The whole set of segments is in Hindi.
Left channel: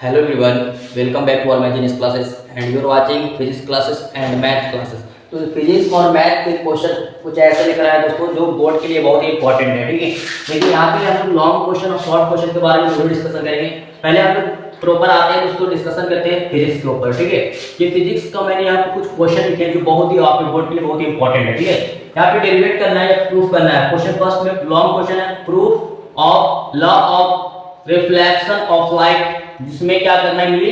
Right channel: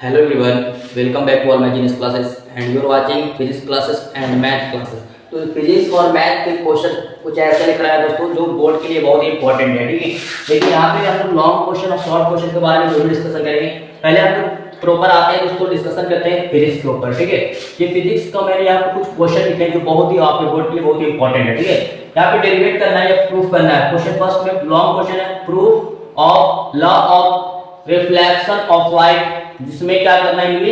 Hello everyone, welcome back to all my genius classes and you are watching physics classes and math classes। तो फिजिक्स और मैथ के क्वेश्चन कुछ ऐसा लिख रहा है दोस्तों जो बोर्ड के लिए बहुत ही इंपॉर्टेंट है। ठीक है, लेकिन यहाँ पे हम लॉन्ग क्वेश्चन और शॉर्ट क्वेश्चन के बारे में जरूर डिस्कशन करेंगे। पहले हम लोग प्रॉपर आते हैं उसको डिस्कशन करते हैं फिजिक्स के ऊपर। ठीक है, ये फिजिक्स का मैंने यहाँ पे कुछ क्वेश्चन लिखे हैं जो बहुत ही आपके बोर्ड के लिए बहुत ही इंपॉर्टेंट है। ठीक है, यहाँ पे डेरिवेट करना है या प्रूफ करना है। क्वेश्चन फर्स्ट में लॉन्ग क्वेश्चन है, proof of law of reflection of light, जिसमें क्या करना है, ये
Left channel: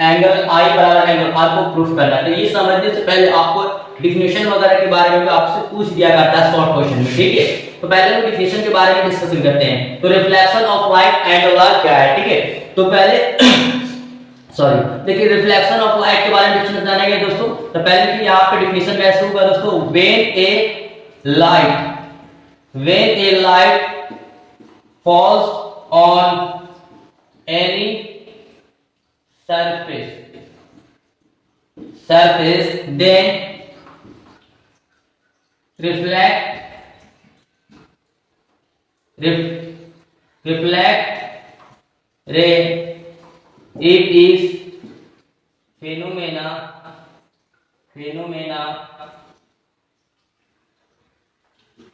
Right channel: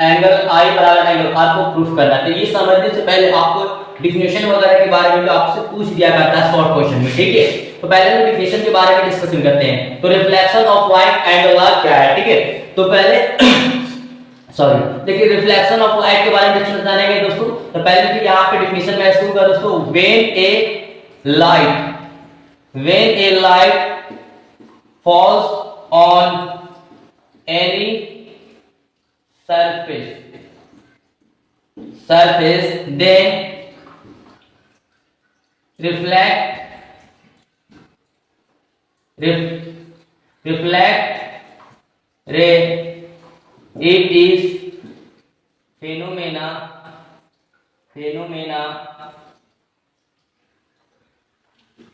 एंगल आई बराबर एंगल आर को प्रूफ करना है। तो ये समझने से पहले आपको डिफिनेशन वगैरह के बारे में तो आपसे पूछ दिया करता है शॉर्ट क्वेश्चन में। ठीक है, तो पहले हम डिफिनेशन के बारे में डिस्कशन करते हैं। तो reflection of light and R क्या है। ठीक है, तो पहले सॉरी देखिए रिफ्लेक्शन ऑफ लाइट के बारे में डिस्कशन जानेंगे दोस्तों। तो पहले देखिए यहाँ पे डिफिनेशन में ऐसे होगा दोस्तों, when A light falls on any surface then reflect ray, it is phenomena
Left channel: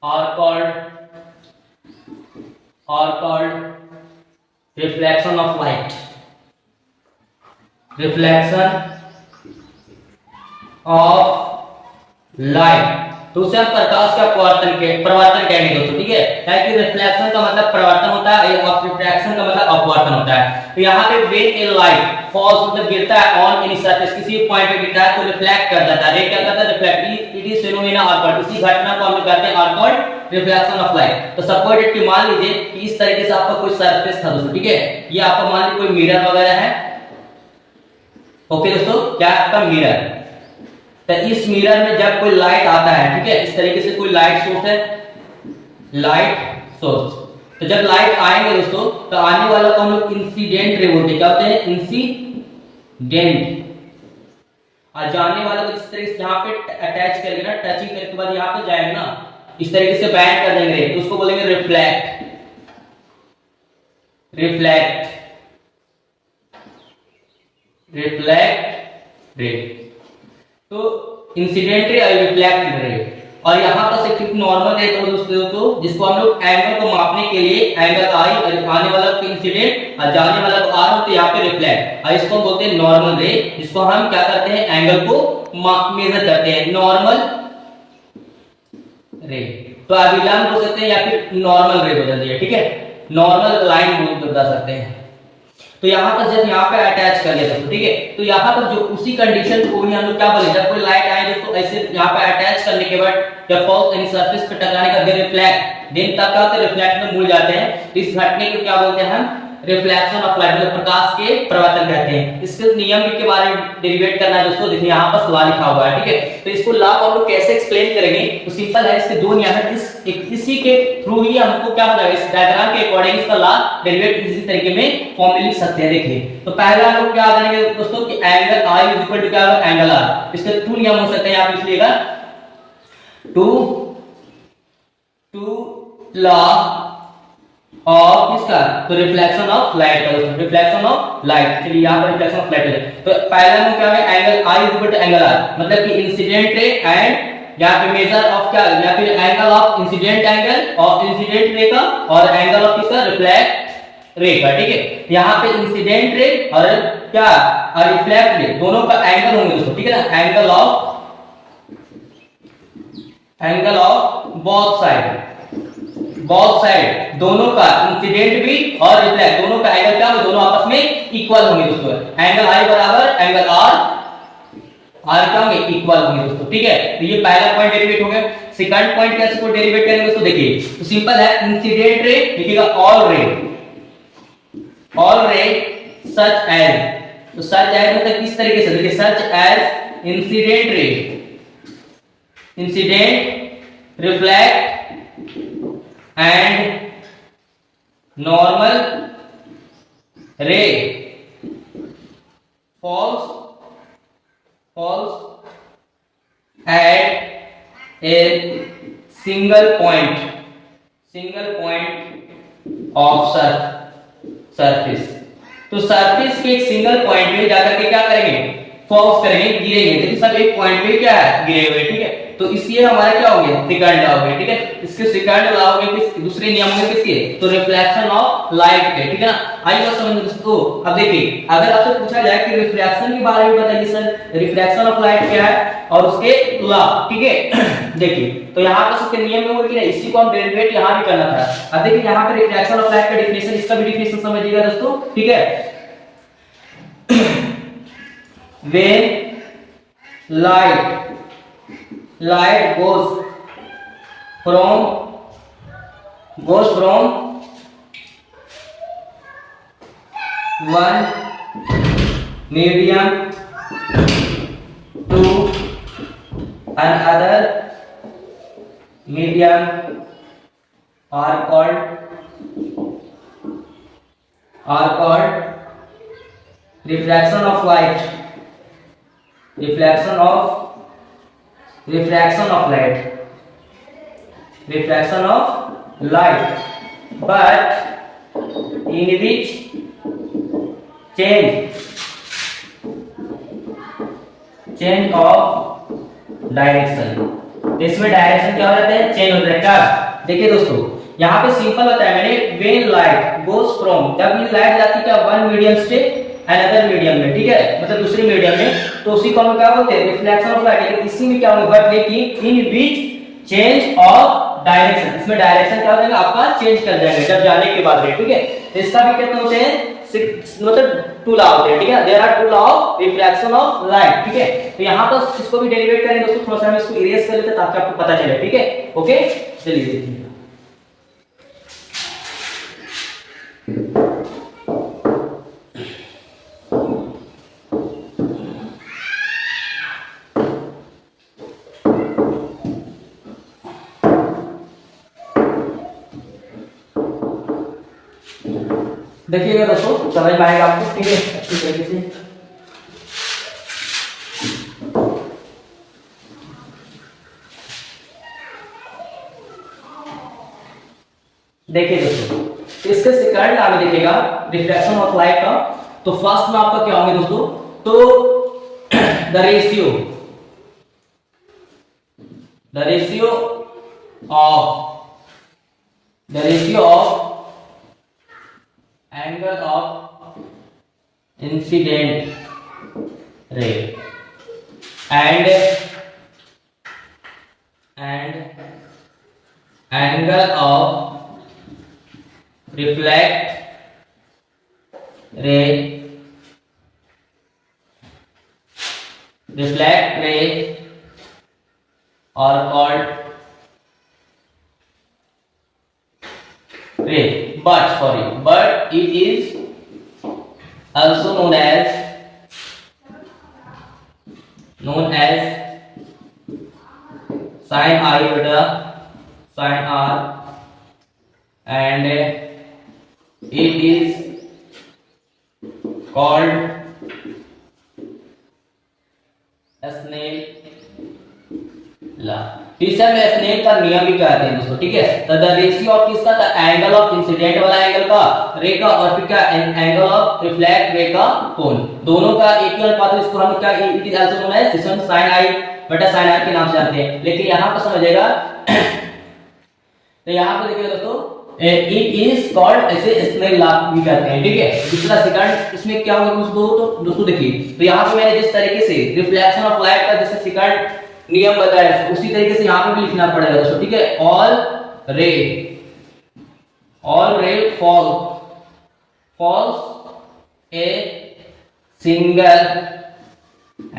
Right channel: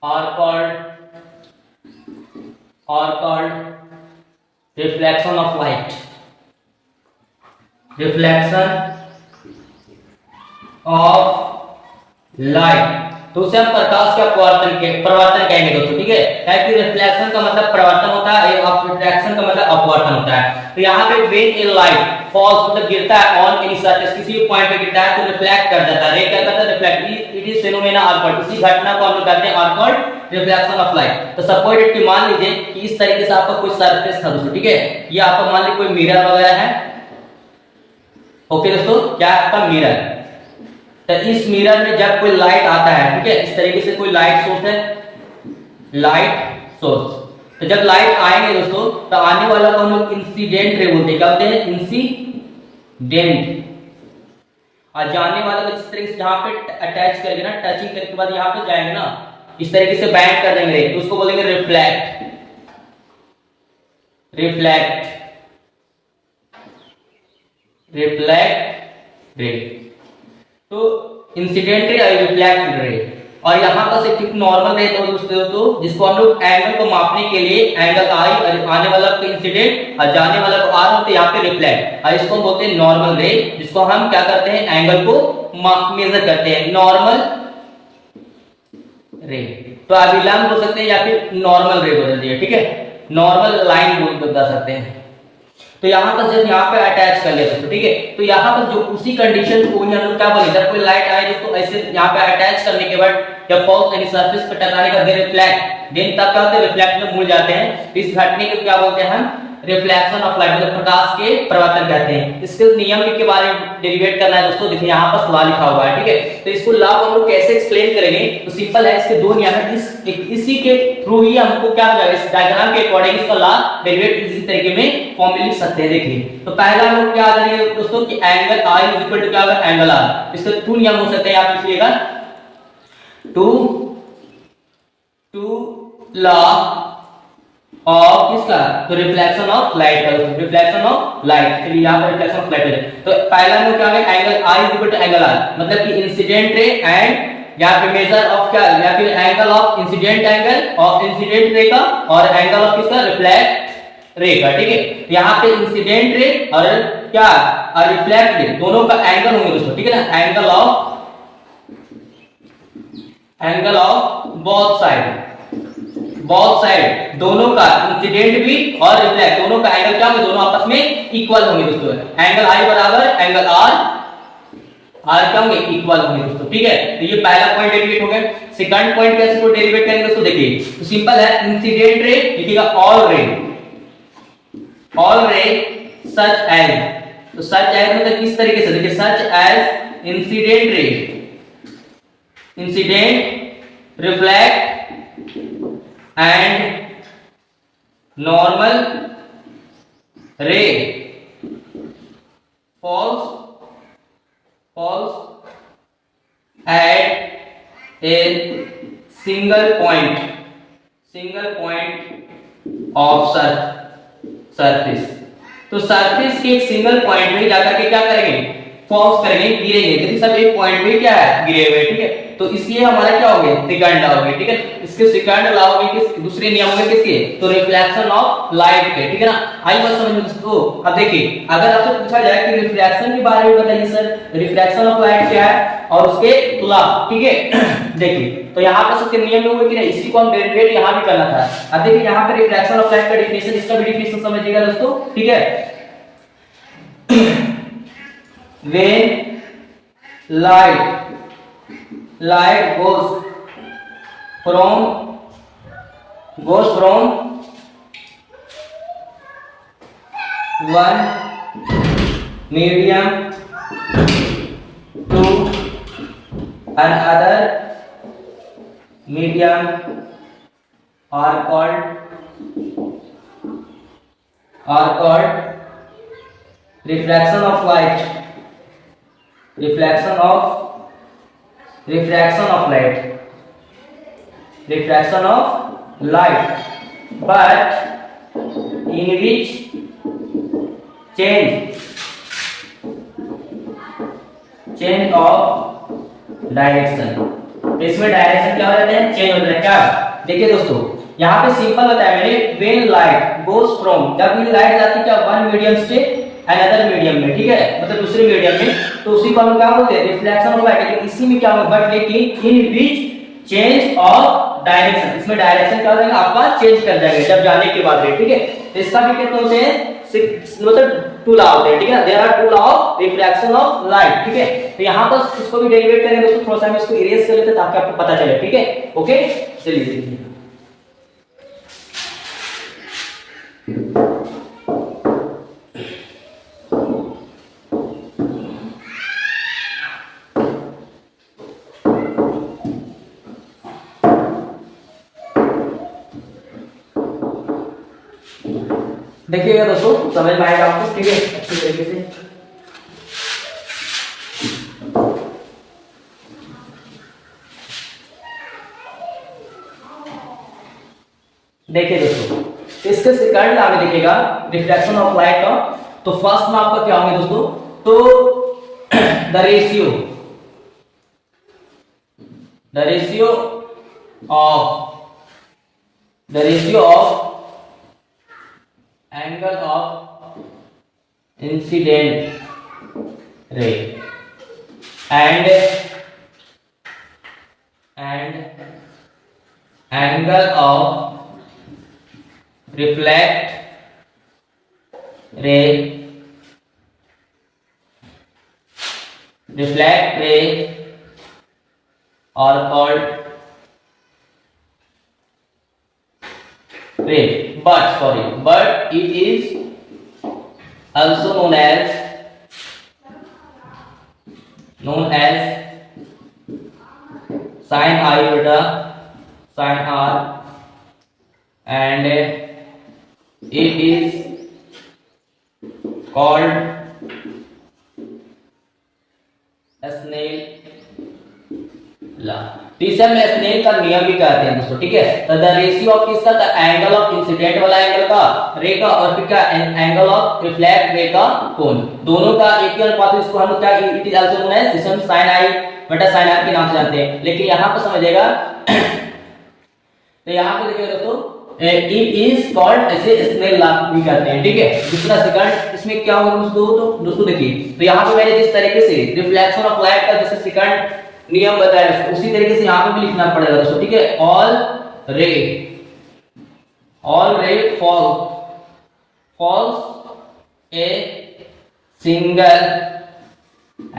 are called reflection of light, तो उसे हम प्रकाश का प्रवर्तन कहेंगे दोस्तों। ठीक है, क्योंकि रिफ्लेक्शन का मतलब प्रवर्तन होता है और रिफ्लेक्शन का मतलब अपवर्तन होता है। तो यहाँ पे व्हेन ए लाइट फॉल्स मतलब गिरता है ऑन एनी सरफेस, किसी पॉइंट पे गिरता है तो रिफ्लेक्ट कर जाता है। रे क्या करता है, reflect. It is phenomena of, इसी घटना को हम कहते हैं ऑफ रिफ्लेक्शन ऑफ लाइट। तो सपोज इट कि मान लीजिए कि इस तरीके से आपका कोई सरफेस था दोस्तों। ठीक है, ये आपका मान लीजिए कोई मिरर वगैरह है। ओके दोस्तों, क्या आपका मिरर, तो इस मिरर में जब कोई लाइट आता है, ठीक है, इस तरीके से कोई लाइट सोर्स है, तो जब लाइट आएंगे दोस्तों तो आने वाला को हम लोग इंसिडेंट रे बोलते हैं। क्या बोलते हैं, इंसिडेंट। और जाने वाला को इस तरीके से जहां पे अटैच करेंगे ना, टचिंग करने के बाद यहां पे जाएंगे ना, इस तरीके से बैंड कर देंगे तो उसको बोलेंगे रिफ्लेक्ट रे। तो इंसिडेंट रे और रिफ्लेक्ट रे, और यहाँ पर से एक नॉर्मल रे तो दोस्तों जिसको हम लोग एंगल को मापने के लिए एंगल आई, आने वाला को इंसिडेंट और जाने वाला को आर, तो यहाँ पे रिफ्लेक्ट, और इसको बोलते हैं नॉर्मल रे, जिसको हम क्या करते हैं, एंगल को मेजर करते हैं, नॉर्मल रे। तो आप विलंब बोल सकते हैं या फिर नॉर्मल रे बोल दिया। ठीक है, नॉर्मल लाइन बता सकते हैं। तो यहाँ पर जब यहाँ पे अटैच कर लेते हैं, ठीक है, तो यहाँ पर जो उसी कंडीशन को भी हम लोग क्या बोले, जब कोई लाइट आए तो ऐसे यहाँ पे अटैच करने के बाद जब फॉल्स यानी सरफेस पे टकराने का रिफ्लेक्ट, देन तब क्या होता है, रिफ्लेक्ट में मुड़ जाते हैं। तो इस घटने को क्या बोलते हैं हम, रिफ्लेक्शन ऑफ लाइट, मतलब प्रकाश के प्रवर्तन कहते हैं। इसके नियम के बारे में डेरिवेट करना है दोस्तों। देखिए यहाँ पर सवाल लिखा हुआ है। ठीक है, तो इसको लॉ को हम लोग कैसे एक्सप्लेन करेंगे, तो सिंपल है, इसके दो नियम है, इसी के थ्रू ही हमको क्या हो जाएगा, इस डायग्राम के अकॉर्डिंग इसका लॉ डेरिवेट इसी तरीके में फॉर्म में लिख सकते हैं। देखिए, तो पहला हम लोग क्या करेंगे दोस्तों कि angle I is equal to क्या होगा, एंगल आर। इसके टू नियम हो सकते हैं, आप लिखिएगा टू लॉ ऑफ इसका, तो रिफ्लेक्शन ऑफ लाइट का, रिफ्लेक्शन ऑफ लाइट, चलिए यहां पर रिफ्लेक्शन ऑफ लाइट है। तो पहला में क्या है, angle I is equal to angle R, मतलब कि इंसिडेंट रे एंड या फिर मेजर ऑफ क्या, या फिर एंगल ऑफ इंसिडेंट एंगल और इंसिडेंट रे का, और एंगल ऑफ किसका, रिफ्लेक्ट रे का। ठीक है, यहां पे इंसिडेंट रे और क्या, और रिफ्लेक्ट रे दोनों का एंगल होंगे दोस्तों। ठीक है ना, एंगल ऑफ बोथ साइड दोनों का, इंसिडेंट भी और रिफ्लेक्ट दोनों का एंगल क्या होंगे, दोनों आपस में इक्वल होंगे दोस्तों। एंगल आई बराबर एंगल आर क्या होंगे, इक्वल होंगे दोस्तों। ठीक है, तो ये पहला पॉइंट डेरिवेट हो गया। सेकंड पॉइंट कैसे को डेरिवेट करेंगे दोस्तों, देखिए तो सिंपल है, इंसिडेंट रे लिखिएगा ऑल रे सच एज, तो सच एज मतलब किस तरीके से, देखिए such as incident reflect and normal ray falls at a single point of surface तो सरफेस के एक सिंगल पॉइंट पे जाकर के क्या करेंगे, फोकस करेंगे, गिरेंगे, देखिए सब एक पॉइंट पे क्या है, गिरे हुए, ठीक है। तो इसलिए हमारा क्या हो गया, सेकंड लॉ हो गया, ठीक है। इसके सेकंड लॉ हो गए किस, दूसरे नियम में किसके, तो रिफ्लेक्शन ऑफ लाइट के, ठीक है ना। आई बात समझ में दोस्तों। अब देखिए अगर आपसे पूछा जाए कि रिफ्रैक्शन के बारे में बताइए सर, रिफ्रैक्शन ऑफ लाइट क्या है और उसके लॉ, ठीक है। देखिए तो यहाँ पर उसके नियम में हुए कि नहीं, इसी को हम डेरिवेट यहाँ भी करना था। अब देखिए यहाँ पे रिफ्रैक्शन ऑफ लाइट का डेफिनेशन, इसका भी डेफिनेशन समझिएगा दोस्तों, ठीक है। when light goes from one medium to another medium are called refraction of light. Refraction of light, but in which change of direction, इसमें डायरेक्शन क्या हो जाता है, चेंज हो जाता है। देखिए दोस्तों यहाँ पे सिंपल बताया मैंने, व्हेन लाइट गोज फ्रॉम, जब ये लाइट जाती है वन मीडियम से अनदर मीडियम में, ठीक है, मतलब दूसरे मीडियम में, तो उसी को हम क्या बोलते हैं, रिफ्लेक्शन ऑफ लाइट। लेकिन इसी में क्या होगा, बट लेकिन इन बीच चेंज ऑफ डायरेक्शन, इसमें डायरेक्शन क्या हो जाएगा आपका, चेंज कर जाएगा जब जाने के बाद, ठीक है। तो इसका भी कहते होते हैं, मतलब टू लॉ होते हैं, ठीक है। There are two law of refraction of light, ठीक है। तो यहाँ पर इसको भी डेरिवेट करेंगे दोस्तों, थोड़ा सा हम इसको इरेज कर लेते हैं ताकि आपको पता चले, ठीक है। ओके चलिए देखिए, देखिएगा दोस्तों समझ में आएगा आपको, ठीक है, अच्छी तरीके से। देखिए दोस्तों इसके सेकंड लॉ में देखिएगा रिफ्रैक्शन ऑफ लाइट का, तो फर्स्ट लॉ आपका क्या होंगे दोस्तों, तो the ratio of angle of incident ray and angle of reflect ray are called ray, but it is also known as sin I beta sin R, and it is called Snell law। इसे हम स्नेल का नियम भी कहते हैं दोस्तों, ठीक है। तो द रेशियो ऑफ किसका, द एंगल ऑफ इंसिडेंट वाला एंगल का, रे का, और फिर क्या एंगल ऑफ रिफ्लेक्ट रे का कोण, दोनों का एक ही अनुपात है। इसको हम क्या, it is also known as sin I बटा sin R के नाम से जानते हैं। लेकिन यहां पर समझिएगा तो यहां पे देखिए दोस्तों इट इज कॉल्ड, ऐसे स्नेल लॉ भी कहते हैं, ठीक है। दूसरा सेकंड इसमें क्या होगा दोस्तों देखिए, तो यहां पे मैंने जिस तरीके से रिफ्लेक्शन ऑफ लाइट का जैसे सेकंड नियम बताया, उसी तरीके से यहां पे भी लिखना पड़ेगा दोस्तों, ठीक है। All ray falls a single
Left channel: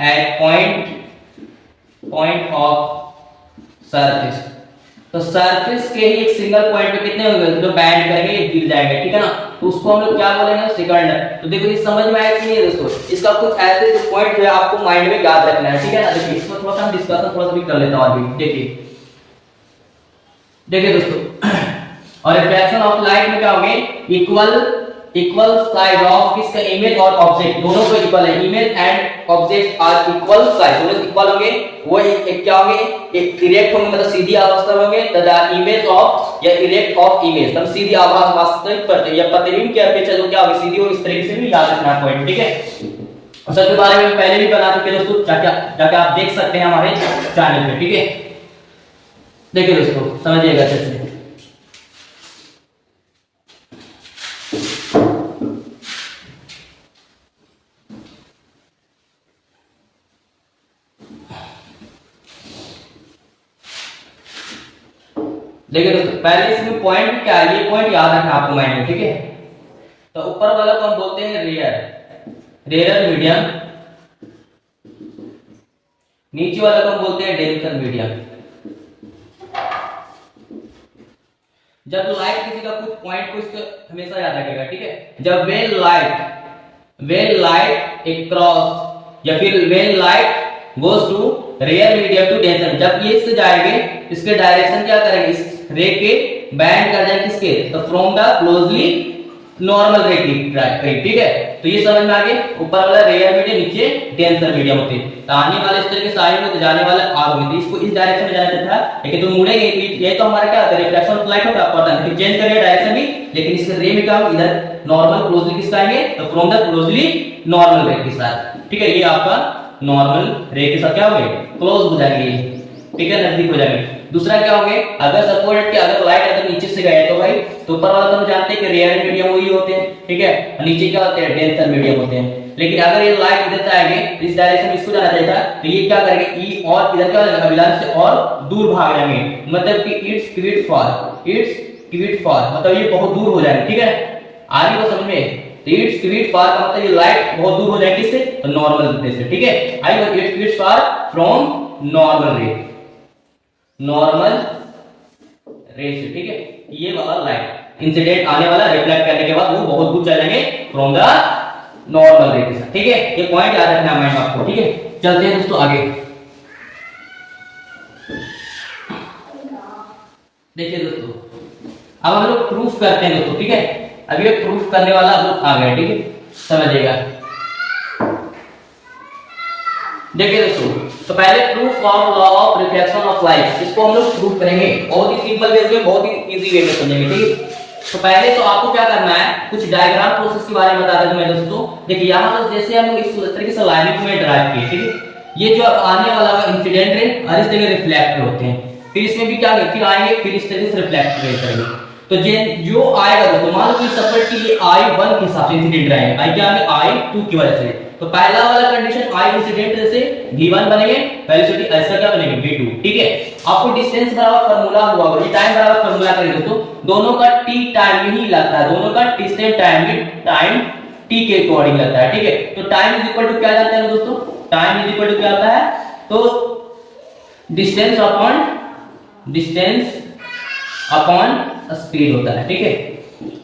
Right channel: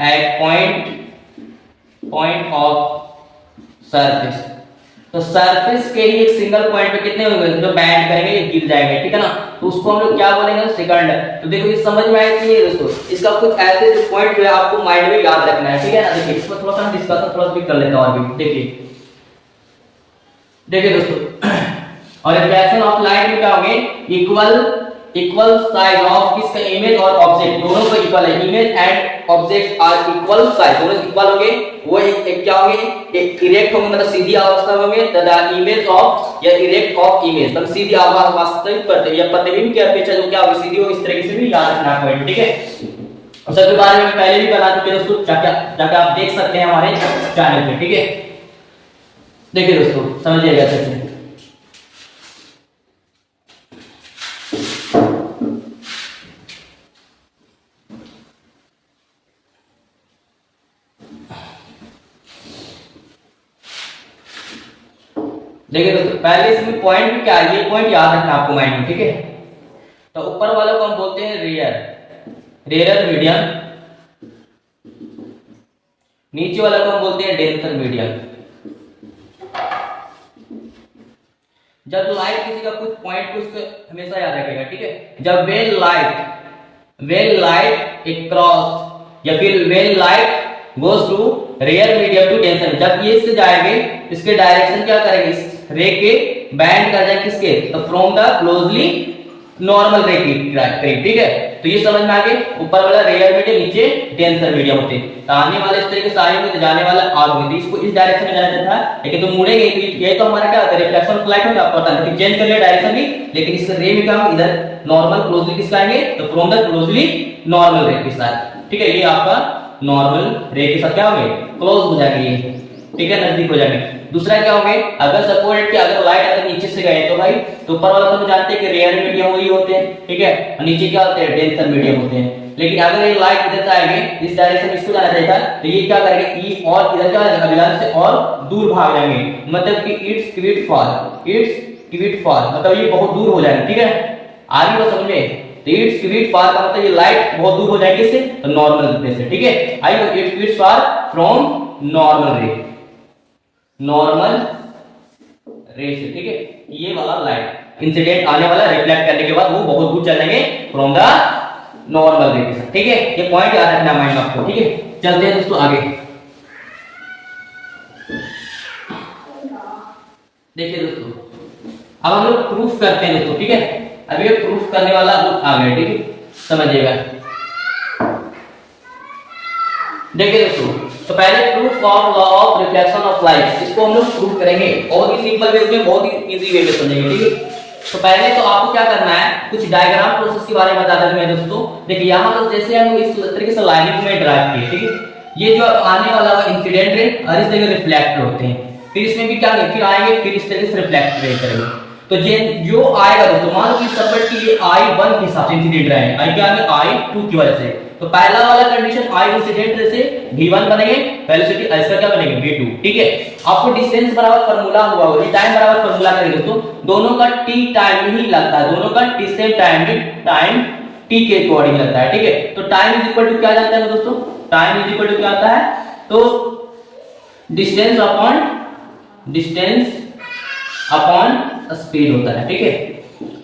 at point of surface. तो सरफेस के ही एक सिंगल पॉइंट पे कितने होंगे जो बैंड करेंगे, ये गिर जाएंगे, ठीक है ना। तो उसको हम लोग क्या बोलेंगे, सेकंड। तो देखो ये समझ में आया कि नहीं दोस्तों, इसका कुछ ऐसे जो पॉइंट जो है आपको माइंड में याद रखना है, ठीक है ना। देखिए इसमें थोड़ा सा हम डिस्कशन थोड़ा सा भी कर लेते हैं और भी। देखिए दोस्तों और रिफ्रैक्शन ऑफ लाइट में क्या होंगे, इक्वल साइज ऑफ किसका इमेज और ऑब्जेक्ट दोनों को इक्वल है, image and object are equal size, दोनों इक्वल होंगे, वो एक क्या होंगे, एक इरेक्ट होंगे मतलब सीधी अवस्था में होंगे, तथा इमेज ऑफ या इरेक्ट ऑफ इमेज मतलब सीधी आवाज वास्तविक प्रतिबिंब या प्रतिबिंब की अपेक्षा जो क्या होगी सीधी होगी, इस तरीके से भी याद रखना है पॉइंट, ठीक है। सबके बारे में पहले भी बना चुके दोस्तों, जाके आप देख सकते हैं हमारे चैनल पे, ठीक है। देखिए दोस्तों समझिएगा अच्छे से। देखिए दोस्तों पहले इसमें पॉइंट क्या है, ये पॉइंट याद रखना आपको माइंड में, ठीक है। तो ऊपर वाला को हम बोलते हैं रेयर, रेयर मीडियम, नीचे वाला को हम बोलते हैं डेंसर मीडियम। जब लाइट किसी का कुछ पॉइंट कुछ हमेशा याद रखेगा, ठीक है। जब वेन लाइट एक क्रॉस या फिर when light goes to rare medium to denser, जब ये इससे जाएंगे इसके डायरेक्शन क्या करेंगे, इस रे के बैंड कर जाएंगे किसके, तो फ्रॉम द क्लोजली नॉर्मल रे की करीब, ठीक है। तो ये समझ में आ गए, ऊपर वाला रेयर मीडियम, नीचे डेंसर मीडियम होते हैं। तो आने वाले इस तरीके से आएंगे तो जाने वाला आर होगी, इसको इस डायरेक्शन में जाना चाहता है, लेकिन तो मुड़ेंगे तो ये तो हमारा क्या होता है, रिफ्लेक्शन ऑफ लाइट होता है, आपको पता है, चेंज करेंगे डायरेक्शन भी, लेकिन इसके रे में क्या इधर नॉर्मल क्लोजली किसका आएंगे, तो फ्रॉम द क्लोजली नॉर्मल रे के साथ, ठीक है। ये आपका नॉर्मल रे के साथ क्या होंगे, क्लोज हो जाएंगे, ठीक है, नजदीक हो जाएंगे। दूसरा क्या होंगे, अगर सपोज कि अगर लाइट अगर नीचे से गए तो भाई, तो ऊपर वाला तो हम जानते हैं कि रेयर मीडियम वही होते हैं, ठीक है, और नीचे क्या होते हैं, डेंसर मीडियम होते हैं। लेकिन अगर ये लाइट इधर से आएंगे इस डायरेक्शन में इसको जाना चाहिए, तो ये क्या करेंगे, ई और इधर क्या हो जाएगा, अभिलंब से और दूर भाग जाएंगे, मतलब कि इट्स क्विड फॉर मतलब ये बहुत दूर हो जाएंगे, ठीक है। आगे तो समझे, इट्स क्विड फॉर का मतलब ये लाइट बहुत दूर हो जाएगी इससे, तो नॉर्मल रे से, ठीक है। I it's quid far from normal ray से, ठीक है। ये वाला लाइट इंसिडेंट आने वाला रिफ्लेक्ट करने के बाद वो बहुत दूर चलेंगे फ्रॉम द नॉर्मल रे के साथ, ठीक है। ये पॉइंट याद रखना है माइंड में आपको, ठीक है। चलते हैं दोस्तों आगे। देखिए दोस्तों अब हम लोग प्रूफ करते हैं दोस्तों, ठीक है। अब ये प्रूफ करने वाला लोग आ गए, ठीक है, समझिएगा। देखिए दोस्तों, तो पहले proof of law of reflection of light, इसको हम लोग प्रूफ करेंगे बहुत ही सिंपल वे में, बहुत ही इजी वे में समझेंगे, ठीक है। तो पहले तो आपको क्या करना है, कुछ डायग्राम प्रोसेस के बारे में बता देता हूं दोस्तों। देखिए यहां पर जैसे हम इस तरीके से लाइनिंग में ड्राइव किए, ठीक है। ये जो आने वाला इंसिडेंट रे और इस तरीके रिफ्लेक्ट होते हैं, फिर इसमें भी क्या फिर आएंगे, फिर इस तरीके से रिफ्लेक्ट करेंगे। तो जो आएगा दोस्तों, मान लो कि सपोज कि ये I1 के साथ इंसिडेंट रहे, आई क्या है I2 की वजह से, तो पहला वाला कंडीशन I इंसिडेंट से V1 बनेंगे, वेलोसिटी ऐसा क्या बनेंगे V2, ठीक है। आपको डिस्टेंस बराबर फार्मूला हुआ होगा, ये टाइम बराबर फार्मूला करेंगे दोस्तों, दोनों का t टाइम में ही लगता है, दोनों का t से टाइम t के अकॉर्डिंग लगता है, ठीक है। तो टाइम इज इक्वल टू क्या जानते हैं दोस्तों, टाइम इज इक्वल टू क्या आता है, तो डिस्टेंस अपॉन स्पीड होता है, ठीक है।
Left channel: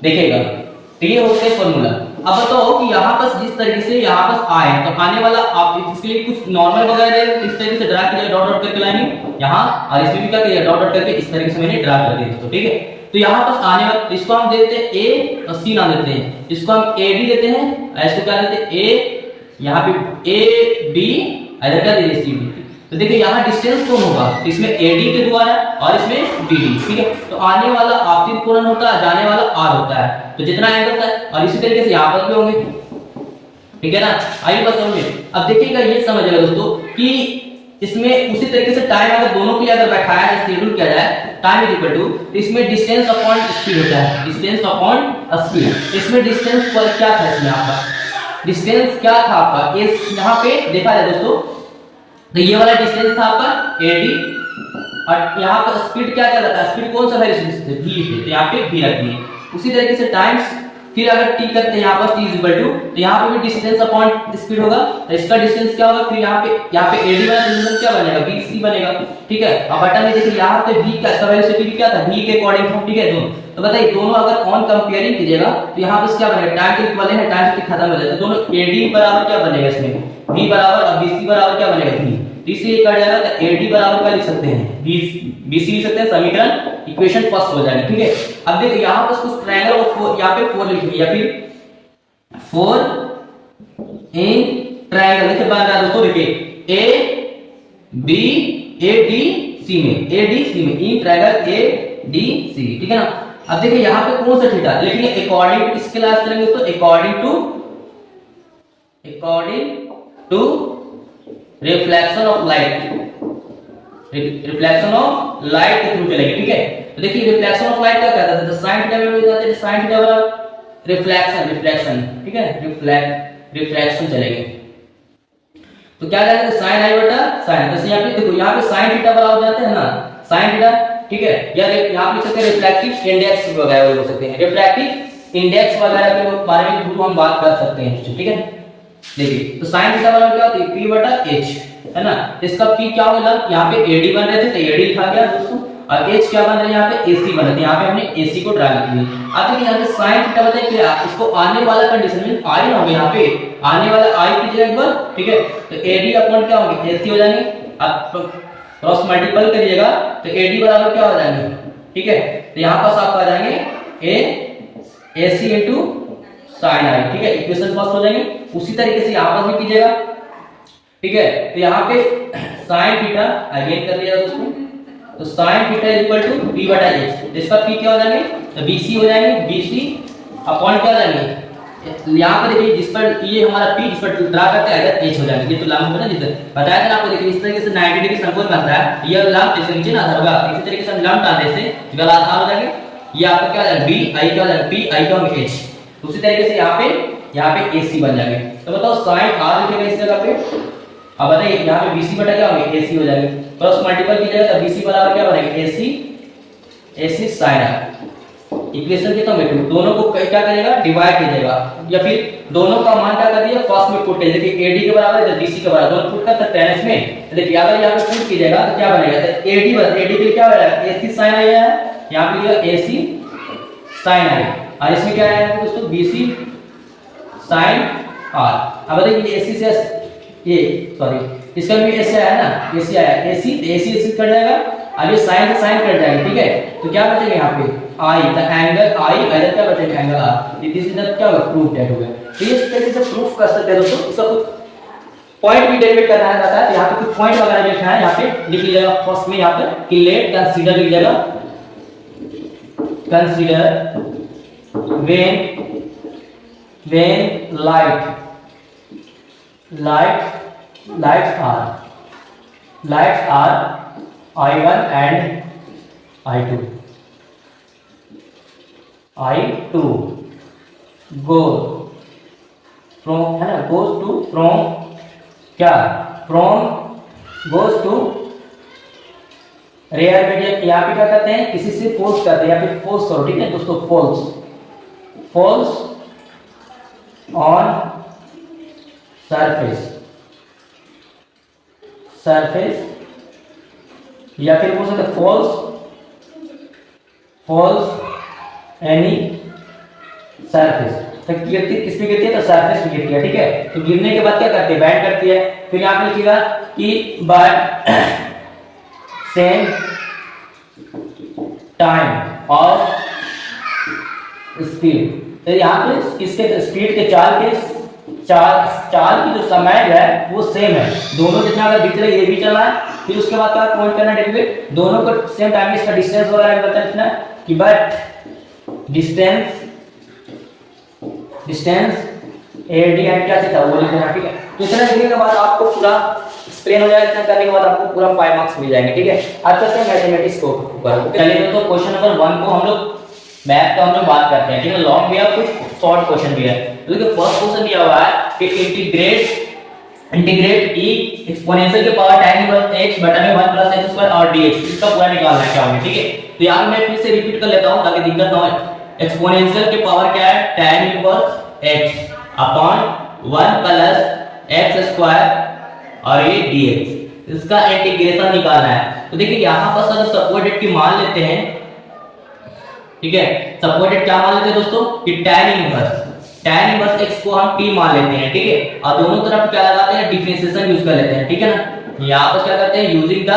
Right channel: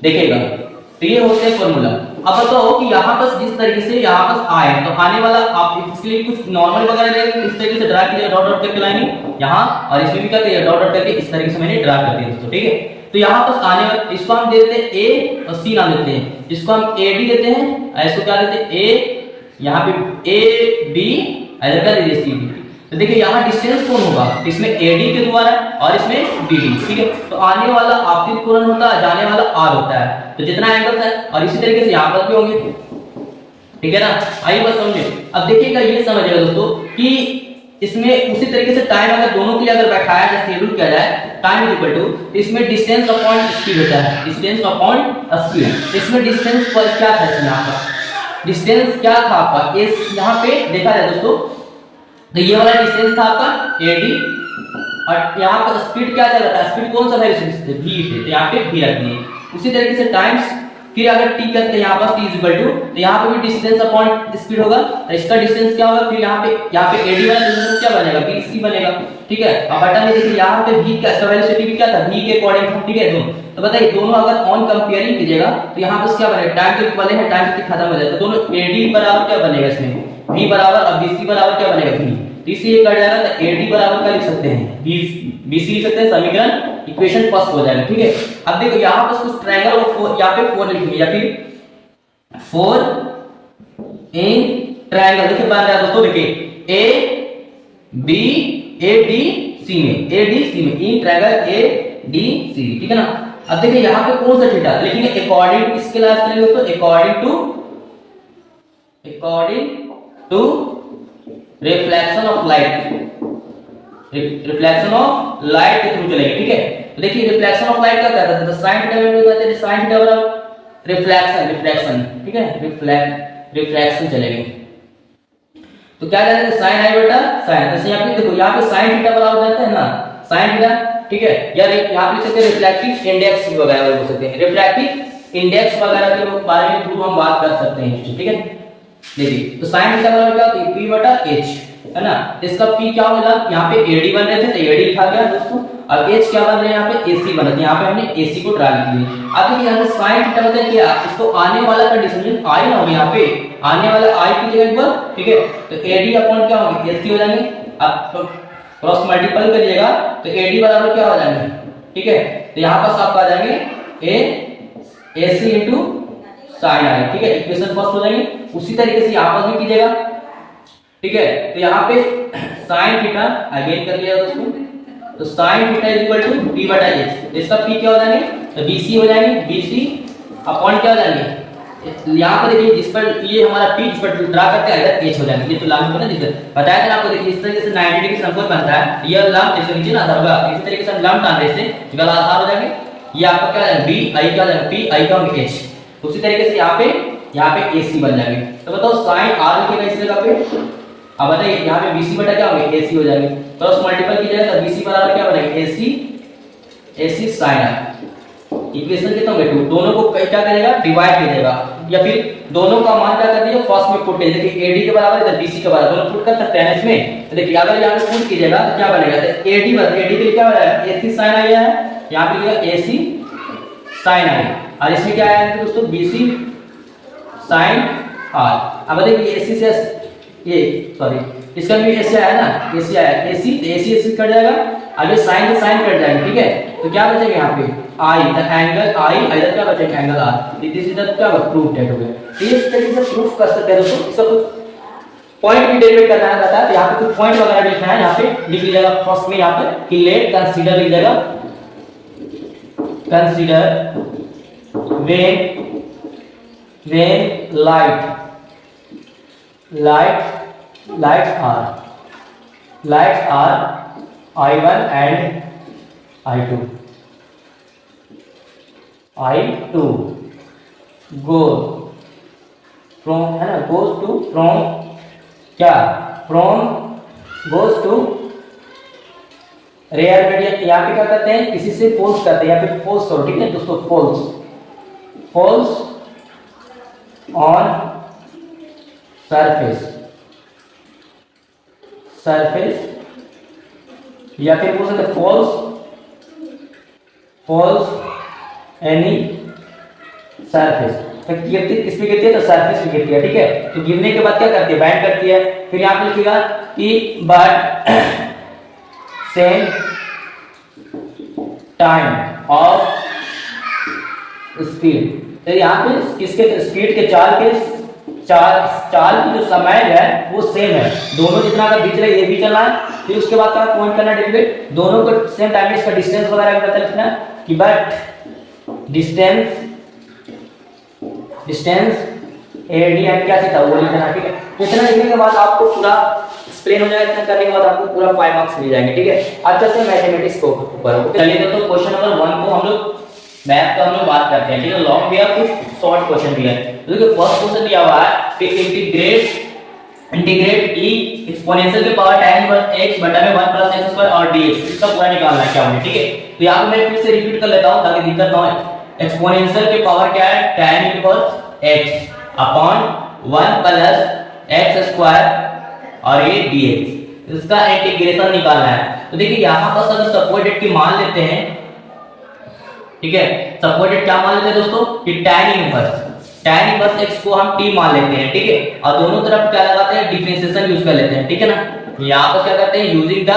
देखिएगा तो ये होते हैं फार्मूला। अब बताओ कि यहाँ पर जिस तरीके से यहाँ पर आए, तो आने वाला आप इसके लिए कुछ नॉर्मल वगैरह दे, इस तरीके से ड्रा कीजिए, डॉट डॉट करके लाएंगे यहाँ, और इसमें भी क्या करिए, डॉट डॉट करके इस तरीके से मैंने ड्रा कर दिया दोस्तों, ठीक है। तो यहाँ पर आने वाला, इसको हम दे देते हैं ए और सी नाम देते हैं, इसको हम ए बी देते हैं, इसको क्या देते हैं ए, यहाँ पे ए बी, इधर का दे सी बी। तो देखिए यहाँ डिस्टेंस कौन होगा, इसमें AD के द्वारा और इसमें BD, ठीक है। तो आने वाला आपतित कोण होता है, जाने वाला R होता है, तो जितना एंगल है, और इसी तरीके से यहाँ पर भी होंगे, ठीक है ना। आइए बस समझिए। अब देखिएगा ये समझिएगा दोस्तों कि इसमें उसी तरीके से टाइम अगर दोनों के लिए अगर बैठाया जाए, शेड्यूल किया जाए, टाइम इज इक्वल टू, तो इसमें डिस्टेंस अपॉन स्पीड होता है, डिस्टेंस अपॉन स्पीड। इसमें डिस्टेंस पर क्या था, इसमें आपका डिस्टेंस क्या था आपका, इस यहाँ पे देखा जाए दोस्तों, तो ये वाला डिस्टेंस था आपका AD, और यहाँ पर स्पीड क्या चल रहा था, स्पीड कौन सा वेरिएशन से v थे, तो यहाँ पे v रखनी है। उसी तरीके से टाइम्स, फिर अगर t करते हैं यहाँ पर t इक्वल टू, तो यहाँ पे भी डिस्टेंस अपॉन स्पीड होगा, तो इसका डिस्टेंस क्या होगा, फिर यहाँ पे AD वाला डिस्टेंस क्या बनेगा, BC बनेगा, ठीक है। अब बटन में देखिए यहाँ पे v का इसका वेलोसिटी भी क्या था, v के अकॉर्डिंग था, ठीक है। दोनों तो बताइए, दोनों अगर ऑन कंपेयरिंग कीजिएगा तो यहाँ पर क्या बनेगा, टाइम के इक्वल है, टाइम के खत्म हो जाता है, दोनों AD बराबर क्या बनेगा, इसमें v बराबर, और BC बराबर क्या बनेगा, v BC कट जाएगा, तो AD बराबर क्या लिख सकते हैं, BC लिख सकते हैं, समीकरण इक्वेशन फर्स्ट हो जाएगा, ठीक है। अब देखो यहाँ पर कुछ ट्रायंगल और यहाँ पे 4 लिखेंगे, या फिर 4 इन ट्रायंगल देखिए बन रहा है दोस्तों, देखिए ए डी सी में, ए डी सी में in triangle A D C, ठीक है ना। अब देखिए यहाँ पे कौन सा थीटा लिखेंगे, अकॉर्डिंग टू किसके लास्ट करेंगे दोस्तों, according to reflection of light, reflection of light के थ्रू चलेगी, ठीक है। तो देखिए रिफ्लेक्शन ऑफ लाइट क्या कहता है, तो साइन थीटा में कहते हैं साइन थीटा बराबर रिफ्लेक्शन, ठीक है, रिफ्लेक्शन चलेगी। तो क्या कहते हैं साइन आई बटा साइन, तो यहाँ पे देखो यहाँ पे साइन थीटा बराबर हो जाता है ना साइन थीटा, ठीक है। या यहाँ पे लिख सकते हैं रिफ्लेक्टिव इंडेक्स वगैरह बोल सकते हैं, रिफ्रैक्टिव इंडेक्स वगैरह के बारे में थ्रू हम बात कर सकते हैं, ठीक है। देखिए तो साइन थीटा बराबर क्या होता है, p बटा h, है ना। तो इसका p क्या होगा, यहाँ पे AD बन रहे थे तो AD लिखा गया दोस्तों, और h क्या बन रहा है यहाँ पे AC बन रहे थे, यहाँ पे हमने AC को ड्रा किया। अब देखिए यहाँ पे sin थीटा बता क्या, इसको आने वाला कंडीशन i ना होगा, यहाँ पे आने वाला i की जगह एक बार, ठीक है। तो AD अपॉन क्या होगा AC हो जाएंगे, अब क्रॉस मल्टीपल करिएगा तो AD बराबर क्या हो जाएंगे, ठीक है। तो यहाँ पास आपका आ जाएंगे AC इनटू sin i, ठीक है, इक्वेशन फर्स्ट हो जाएंगे। उसी तरीके से यहाँ पर भी कीजिएगा, ठीक है। तो यहाँ पे sin थीटा अगेन कर लिया दोस्तों, तो sin theta is equal to p बटा h, तो इसका p क्या हो जाएंगे, तो bc हो जाएंगे, bc अपॉन क्या हो जाएंगे, यहाँ पर देखिए जिस पर ये हमारा p जिस पर ड्रा करते हैं अगर h हो जाएंगे, ये तो लंब बना जिधर बताया था आपको। देखिए इस तरीके से 90 डिग्री समकोण बन रहा है, ये लंब जैसे नीचे ना होगा, इसी तरीके से हम लंब डालने से गला आधार हो जाएंगे, ये आपका क्या है b i क्या हो जाएगा p i का होगा h, उसी तरीके से यहाँ पे AC बन जाएंगे। तो बताओ sin r लिखेगा इस जगह पे, अब बताइए यहाँ पे BC बटा क्या होगा AC हो जाएंगे, क्रॉस मल्टीपल कीजिएगा तो BC बराबर क्या बनेगा AC sin r, इक्वेशन कितना होगा 2, दोनों को क्या करेगा डिवाइड कीजिएगा, या फिर दोनों का मान क्या कर दिया फर्स्ट में पुट कीजिए, देखिए AD के बराबर इधर BC के बराबर दोनों पुट कर सकते हैं इसमें। तो देखिए अगर यहाँ पे पुट कीजिएगा तो क्या बनेगा, तो AD के लिए क्या हो जाएगा AC sin i है, यहाँ पे लिखा AC sin i, और इसमें क्या आया दोस्तों BC sin r। अब देखिए AC से ये सॉरी इसका भी AC आया ना, AC आया, AC कट जाएगा, अब ये sin से sin कट जाएगा, ठीक है। तो क्या बचेगा यहाँ पे I, द एंगल I, इधर क्या बचेगा angle R, this is the क्या होगा प्रूफ डेट हो गया। तो इस तरीके से प्रूफ कर सकते हैं दोस्तों, इसका कुछ पॉइंट भी डेरिवेट करना है रहता है, यहाँ पे कुछ पॉइंट वगैरह भी लिखना है, यहाँ पे लिख लीजिएगा फर्स्ट में यहाँ पे कि लेट कंसीडर लिख जाएगा, consider when lights are I1 and I2 goes from है ना, goes to रेयर मीडियम, यहाँ पे क्या करते हैं किसी से फोर्स करते हैं, या फिर फोर्स करो, ठीक है दोस्तों, falls on surface या फिर बोल सकते falls any surface, तो गिरती किस पे गिरती है, तो सरफेस पे गिरती है, ठीक है। तो गिरने के बाद क्या करती है बैंड करती है, फिर यहाँ पे लिखिएगा कि but same time of speed, तो यहाँ पे किसके स्पीड के चाल की जो समय है वो सेम है, दोनों जितना अगर दिख रहा है ये भी चलना है, फिर उसके बाद क्या पॉइंट करना है डेरिवेट, दोनों को सेम टाइम में इसका डिस्टेंस वगैरह भी पता लिखना है कि बट डिस्टेंस AD एंड क्या थीटा वो लिखना, ठीक है। तो इतना लिखने के बाद आपको पूरा एक्सप्लेन हो जाएगा, इतना करने के बाद आपको पूरा 5 मार्क्स मिल जाएंगे, ठीक है। अब चलते हैं मैथमेटिक्स को ऊपर, चलिए तो क्वेश्चन नंबर 1 को हम लोग मैथ का हम लोग बात करते हैं, ठीक है। लॉन्ग भी है कुछ शॉर्ट क्वेश्चन भी है। देखिए फर्स्ट क्वेश्चन दिया हुआ है कि इंटीग्रेट e एक्सपोनेंशियल के पावर tan इनवर्स x बटा में 1 + x² और dx, इसका पूरा निकालना है क्या होगा, ठीक है। तो यार मैं फिर से रिपीट कर लेता हूं ताकि दिक्कत ना हो। एक्सपोनेंशियल के पावर क्या है tan inverse x upon 1 + x² और ये dx, इसका इंटीग्रेशन निकालना है। तो देखिए यहां पर अगर सपोर्टेड की मान लेते हैं, ठीक है, सपोर्टेड क्या मान लेते हैं दोस्तों कि tan इनवर्स x को हम t मान लेते हैं, ठीक है, और दोनों तरफ क्या लगाते हैं डिफरेंशिएशन यूज कर लेते हैं, ठीक है ना। यहां पर क्या करते हैं यूजिंग द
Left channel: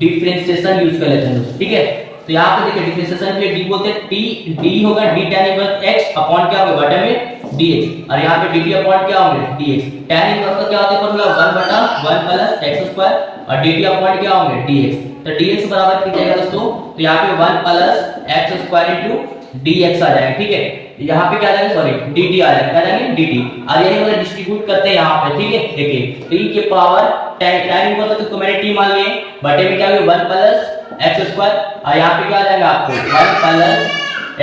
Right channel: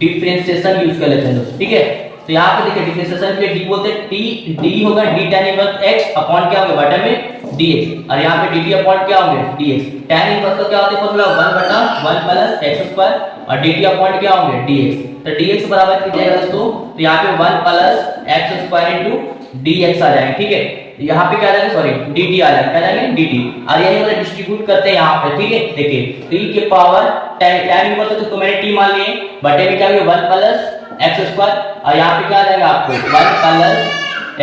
डिफरेंशिएशन यूज कर लेते हैं, ठीक है। तो यहाँ पे देखिए डिफरेंशिएशन के लिए डी बोलते हैं, टी डी होगा D tan inverse x upon क्या होगा बटा में dx, और यहाँ पे dt अपॉन क्या होंगे dx। tan इनवर्स का क्या होता है फॉर्मूला 1 बटा 1 प्लस x स्क्वायर और dt अपॉन क्या होंगे dx। तो dx बराबर किया जाएगा दोस्तों, तो यहाँ पे 1 plus x square into dx आ जाएगा, ठीक है। यहाँ पे क्या आ जाएगा, सॉरी dt आ जाएगा, क्या आ जाएगा dt, और यही वाला डिस्ट्रीब्यूट करते हैं यहाँ पे, ठीक है। देखिए 3 के पावर tan इनवर्स तो मैंने t मान लिए, बटे में क्या होगा 1 प्लस x स्क्वायर, और यहाँ पे क्या आ जाएगा आपको 1 प्लस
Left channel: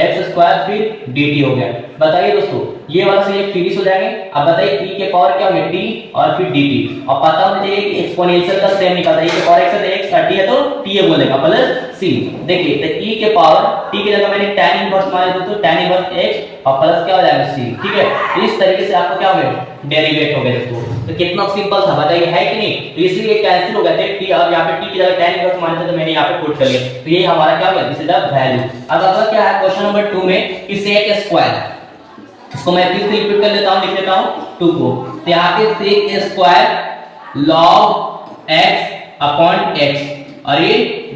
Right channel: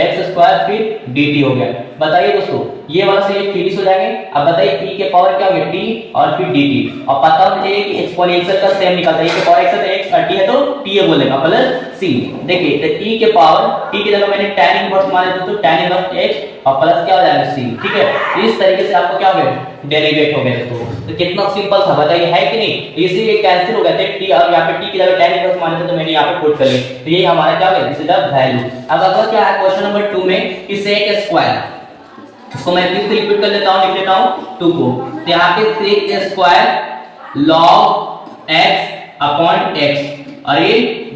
x स्क्वायर फिर dt हो गया। बताइए दोस्तों ये वाला से ये फिनिश हो जाएंगे। अब बताइए e के पावर क्या हो गया t और फिर dt, और पता होना चाहिए कि एक्सपोनेंशियल का सेम निकलता है, e के पावर x है तो x 30 है तो t है बोलेगा प्लस c। देखिए तो e के पावर t की जगह मैंने tan इनवर्स मान लिया तो tan इनवर्स x और प्लस क्या हो जाएगा c, ठीक है। इस तरीके से आपको क्या हो गया डेरिवेट हो गया दोस्तों। तो कितना सिंपल था बताइए, है कि नहीं। तो इसलिए ये कैंसिल हो गया था t, और यहाँ पे t की जगह tan इनवर्स मान लिया तो मैंने यहाँ पे पुट कर लिया, तो ये हमारा क्या हो गया दिस इज द वैल्यू। अब अगला क्या है क्वेश्चन नंबर 2 में कि sec स्क्वायर, इसको मैं फिर से रिपीट कर लेता हूं, लिख लेता हूं 2 को। तो यहाँ पे sec square log x upon x और ये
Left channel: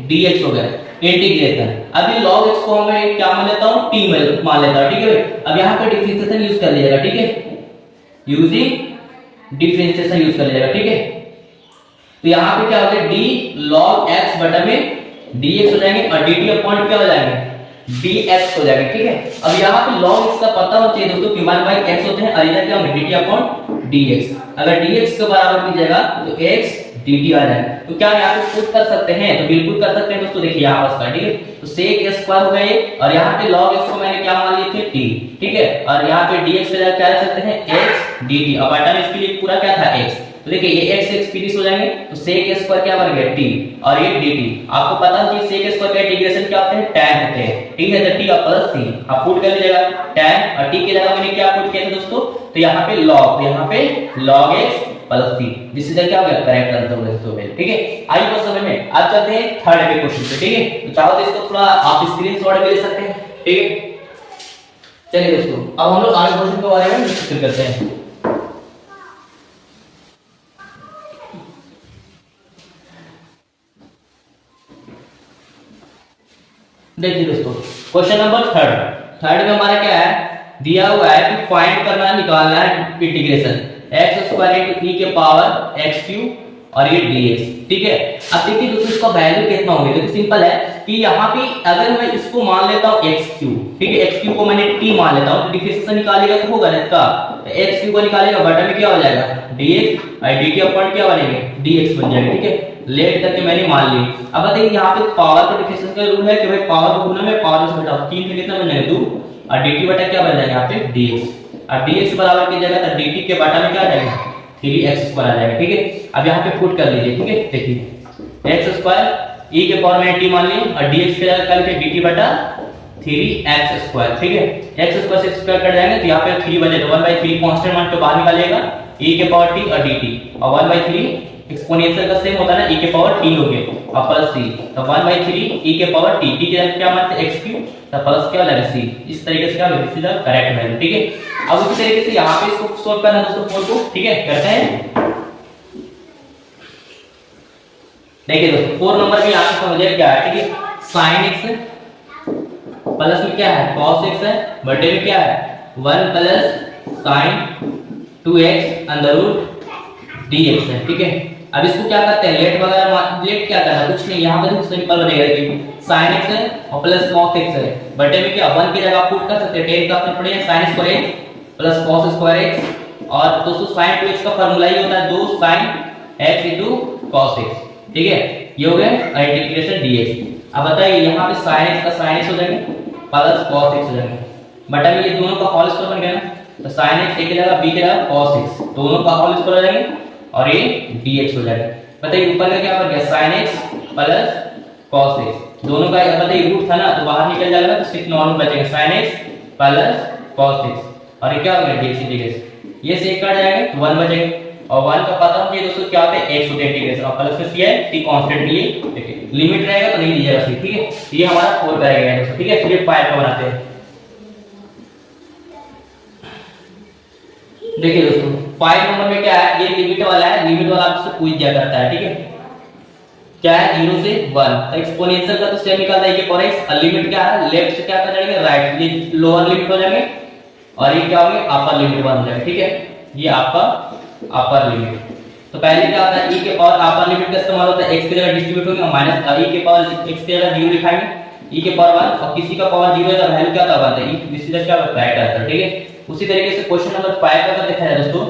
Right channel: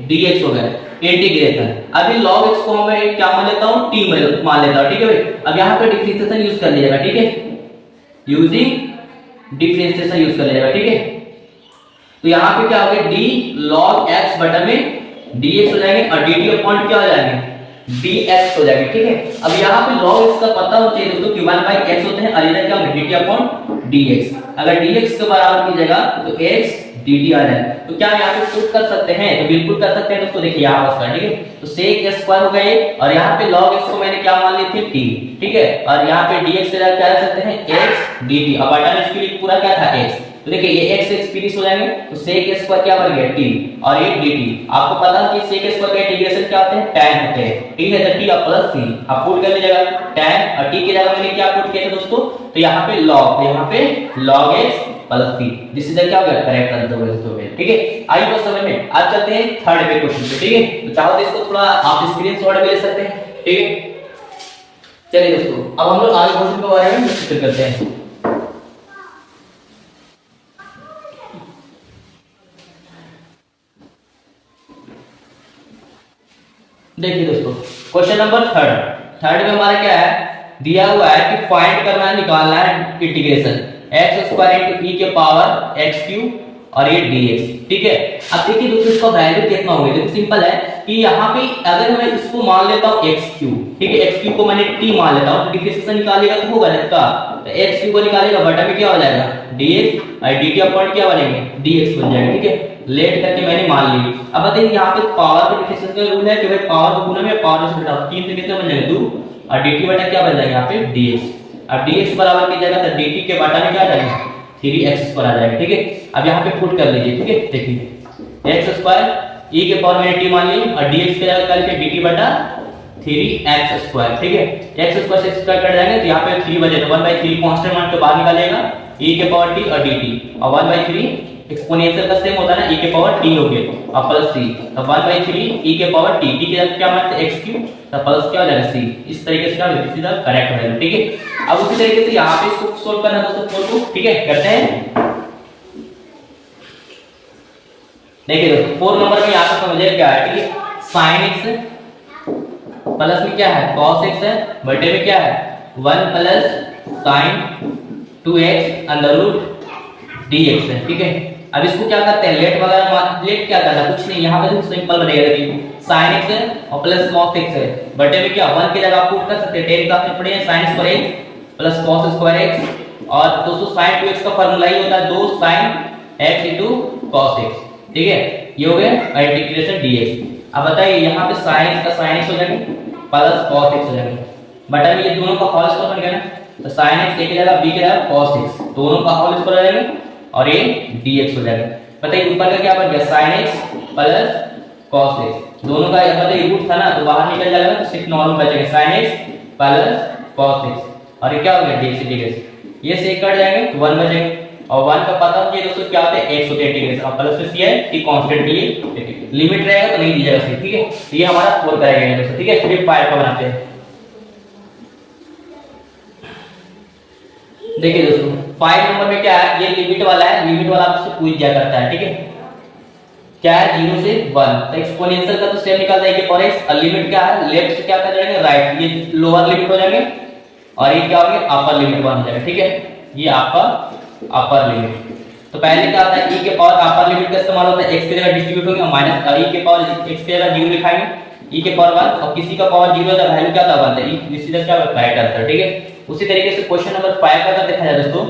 dx हो गया इंटीग्रेशन। अभी log x को मैं क्या मान लेता हूं t मान लेता हूं, ठीक है भाई। अब यहाँ पे डिफरेंशिएशन यूज कर लीजिएगा, ठीक है, यूजिंग डिफरेंशिएशन यूज कर लीजिएगा, ठीक है। तो यहाँ पे क्या हो गया d log x बटा में dx हो जाएंगे और dt अपॉन क्या हो जाएंगे dx हो जाएंगे, ठीक है। अब यहाँ पे log x का पता होना चाहिए दोस्तों कि 1/x होते हैं और इधर क्या होगा dt अपॉन dx। अगर dx के बराबर कीजिएगा तो x dt आ जाएगा। तो क्या यहाँ पे पुट कर सकते हैं, तो बिल्कुल कर सकते हैं दोस्तों। देखिए यहाँ पास का, ठीक है, तो sec स्क्वायर हो गया ये, और यहाँ पे log x को मैंने क्या मान लिए थे t, ठीक है, और यहाँ पे dx के जगह क्या रख सकते हैं x dt, और बटा में इसके लिए पूरा क्या था x। तो देखिए ये x x फिनिश हो जाएंगे, तो sec स्क्वायर क्या बन गया t और ये dt। आपको पता है कि sec स्क्वायर का इंटीग्रेशन क्या होते हैं tan होते हैं, t है तो t और प्लस c, आप पुट कर लीजिएगा tan, और t की जगह मैंने क्या पुट किया था दोस्तों, तो यहाँ पे log, यहाँ पे log x प्लस c, जिससे क्या हो गया करेक्ट आंसर हो गया, ठीक है। आई बात समझ में। अब चलते हैं थर्ड पे क्वेश्चन पे, ठीक है। तो चाहो तो इसको थोड़ा आप स्क्रीनशॉट भी ले सकते हैं, ठीक है। चलिए दोस्तों अब हम लोग आगे क्वेश्चन के बारे में डिस्कस करते हैं। देखिए दोस्तों क्वेश्चन नंबर थर्ड में हमारा क्या है, दिया हुआ है कि फाइंड करना है, निकालना है integration x square into e के पावर x क्यूब और ये dx, ठीक है। अब देखिए दोस्तों इसका वैल्यू कितना होगा, देखो सिंपल है कि यहाँ पे अगर मैं इसको मान लेता हूँ x क्यूब, ठीक है, x क्यूब को मैंने t मान लेता हूँ, तो डिफरेंशिएशन निकालेगा तो होगा ना इसका, तो x क्यूब को निकालेगा बटा में क्या हो जाएगा dx और dt अपॉन क्या बनेंगे dx बन जाएगा, ठीक है। लेट करके मैंने मान ली। अब बताइए यहाँ पे पावर के डिफरेंशिएशन का रूल है कि भाई पावर को गुना में पावर से घटाओ, 3 से कितना बन जाएगा 2, और dt बटा क्या बन जाएगा यहाँ पे dx, और dx बराबर की जगह तो dt के बटा में क्या आ जाएगा 3x स्क्वायर आ जाएगा, ठीक है। अब यहाँ पे पुट कर लीजिए, ठीक है। देखिए x स्क्वायर e के पावर मैंने t मान ली और dx के जगह करके dt बटा 3x स्क्वायर, ठीक है। x स्क्वायर से स्क्वायर कट जाएंगे तो यहाँ पे 3 बचेगा, 1/3 कांस्टेंट मान को बाहर निकालिएगा, e के पावर t और dt, और 1/3 एक्सपोनेंशियल का सेम होता है ना, e के पावर t हो गया और प्लस c, तो 1/3 e के पावर t, t की जगह क्या मान x क्यूब तो प्लस क्या हो जाएगा c। इस तरीके से क्या होगा सीधा करेक्ट वैल्यू, ठीक है। अब उसी तरीके से यहाँ पे इसको सॉल्व करना दोस्तों 4 को, ठीक है, करते हैं। देखिए दोस्तों 4 नंबर में यहाँ पे समझिए क्या है, ठीक है, sin x प्लस में क्या है cos x है, बटे में क्या है 1 plus sin 2x under root dx है, ठीक है। अब इसको क्या करते हैं लेट वगैरह, लेट क्या करना कुछ नहीं, यहाँ पे सिंपल बनेगा कि sin x है और प्लस cos x है, बटे में क्या 1 की जगह आप पुट कर सकते हैं, 10 का आपने पढ़े sin square x plus cos square x, और दोस्तों sin 2x का फार्मूला ही होता है 2 sin x into cos x, ठीक है। ये हो गया इंटीग्रेशन dx। अब बताइए यहाँ पे sin x का sin x हो जाएगा प्लस cos x हो जाएगा, बटा में ये दोनों का होल स्क्वायर बन गया ना, तो sin x एक की जगह b की जगह cos x, दोनों का होल स्क्वायर हो जाएगा और ये dx हो जाएगा। बताइए ऊपर का क्या बन गया sin x plus cos x, दोनों का बताइए रूट था ना तो बाहर निकल जाएगा ना, तो सिर्फ नॉर्मल बचेगा sin x plus cos x, और ये क्या हो गया dx इंटीग्रेशन, ये से कट जाएगा तो 1 बचेगा, और 1 का पता है दोस्तों क्या होता है x होता है इंटीग्रेशन, और प्लस में c है t कांस्टेंट लिए, ठीक है, लिमिट रहेगा तो नहीं दिया जाएगा, ठीक है। तो ये हमारा 4 करेगा दोस्तों, ठीक है। चलिए 5 का बनाते हैं। देखिए दोस्तों 5 नंबर में क्या है, ये लिमिट वाला है, लिमिट वाला आपसे पूछ दिया करता है, ठीक है। क्या है 0 से 1। तो एक्सपोनेंशियल का तो सेम निकलता है के पावर x, और लिमिट क्या है लेफ्ट से क्या कर जाएंगे राइट, ये लोअर लिमिट हो जाएंगे और ये क्या होंगे अपर लिमिट बन जाएगा, ठीक है, ये आपका अपर लिमिट। तो पहले क्या होता है e के पावर अपर लिमिट का इस्तेमाल होता है x की जगह डिस्ट्रीब्यूट होगा माइनस e के पावर x की जगह 0 लिखाएंगे, e के पावर 1 और किसी का पावर 0 है वैल्यू क्या था 1 है, इसी तरह क्या राइट आंसर, ठीक है। उसी तरीके से क्वेश्चन नंबर 5 का देखा जाए दोस्तों,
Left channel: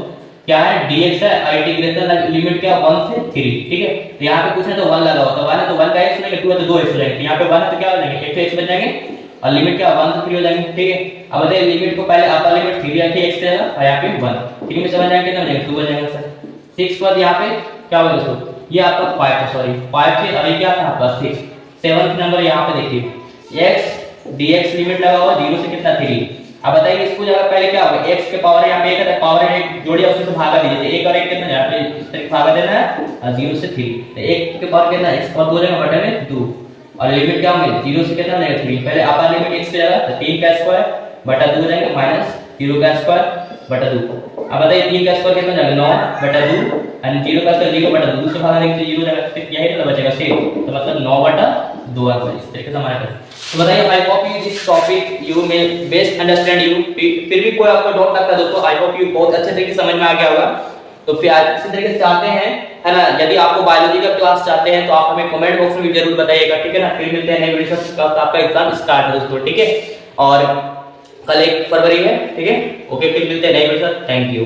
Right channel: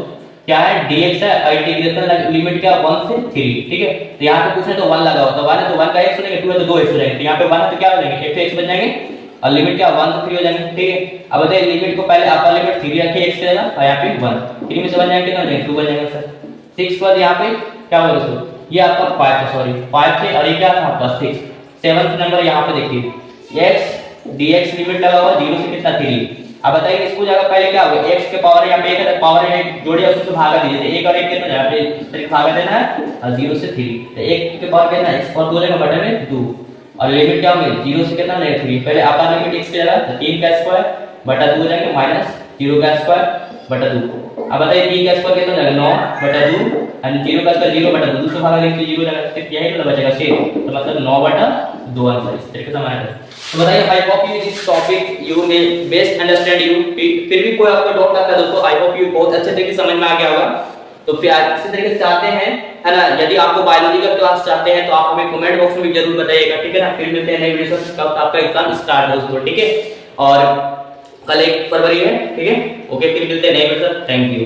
क्या है dx है इंटीग्रेशन लिमिट क्या 1 से 3, ठीक है। तो यहां पे कुछ नहीं तो 1 लगा होता, 1 है तो 1 का x हो जाएगा, 2 है तो 2x हो जाएगा, तो यहां पे 1 है तो क्या हो जाएंगे x बन जाएंगे और लिमिट क्या 1 से 3 हो जाएंगे, ठीक है। अब बताइए लिमिट को पहले अपर लिमिट 3 रखिए x की जगह और यहां पे 1, 3 में से बन जाएंगे कितना बनेगा 2 बन जाएगा सर। 6 के बाद यहां पे क्या होगा दोस्तों, ये आपका 5 है, सॉरी 5 थे और ये क्या था आपका 6। 7th नंबर यहां पे देखिए x dx लिमिट लगा हुआ 0 से कितना 3। अब बताइए इसको जगह पहले क्या होगा x के पावर यहां पे 1 है, पावर 1 जोड़िए उससे भागा दीजिए, 1 और 1 कितना यहां पे इस तरह भागा देना है और 0 से 3, तो 1 के पावर कितना x और 2 जगह बटे में 2 और लिमिट क्या होगी 0 से कितना लेगा 3। पहले अपर लिमिट x की जगह तो 3 का स्क्वायर बटा 2 हो जाएगा माइनस 0 का स्क्वायर बटा 2। अब बताइए 3 का स्क्वायर कितना जाएगा 9 बटा 2 यानी 0 का स्क्वायर 0 बटा 2 से भागा देंगे 0 जाएगा, तो यही तो बचेगा 6, तो मतलब 9 बटा 2 आंसर इस तरीके से हमारा है। तो बताइए I hope you this topic you may best understand you, फिर भी कोई आपको डाउट लगता है दोस्तों आई होप यू बहुत अच्छे तरीके से समझ में आ गया होगा। तो फिर इसी तरीके से चाहते हैं है ना, यदि आपको बायोलॉजी का क्लास चाहते हैं तो आप हमें कमेंट बॉक्स में भी जरूर बताइएगा, ठीक है ना। फिर मिलते हैं नए वीडियो से, कब आपका एग्जाम स्टार्ट है दोस्तों, ठीक है। और कल 1 फरवरी है, ठीक है, ओके, फिर मिलते हैं नए वीडियो से, थैंक यू।